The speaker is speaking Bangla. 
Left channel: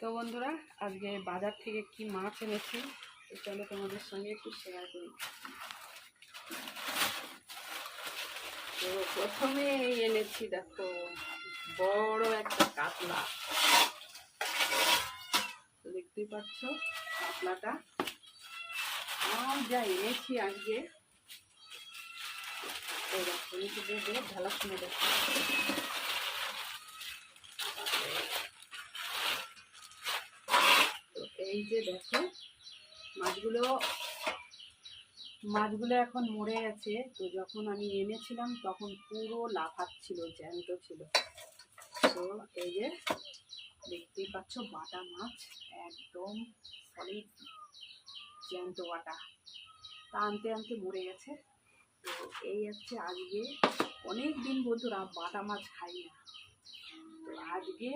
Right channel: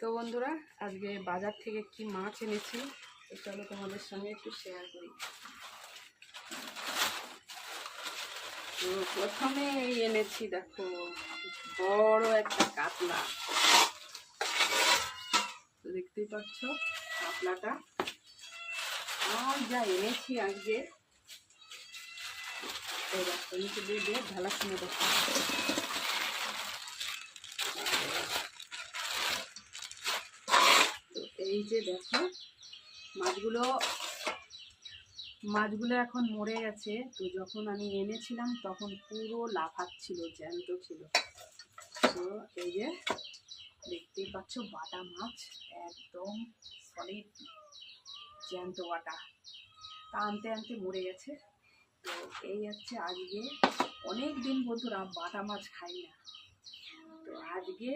তো বন্ধুরা, আজকে বাজার থেকে কি মাছ এনেছি তো চলো তোমাদের সঙ্গে একটু শেয়ার করি। তো প্রথমে এনেছি, দেখো বড় একটা কাতলা। তো দেখতেই পাচ্ছ কাতলাটা। আর যা এনেছি আজকে, তো দেখো নিচে দিয়ে ঢালার সময় দেখো এই যে দেখো মাছগুলো এখন মরে গেছে। তো যখন আমি এনেছিলাম তখন পুরো লাফাচ্ছিল, জ্যান্ত ছিল। তো এই যে দেখতেই পাচ্ছ বাটা মাছ, একদম সলিড জ্যান্ত বাটা। তা আনতে আনতে মরে গেছে। তো এই হচ্ছে আজকে, অনেক দিন বন্ধুরা বাটা মাছ খাই না। তো আজকে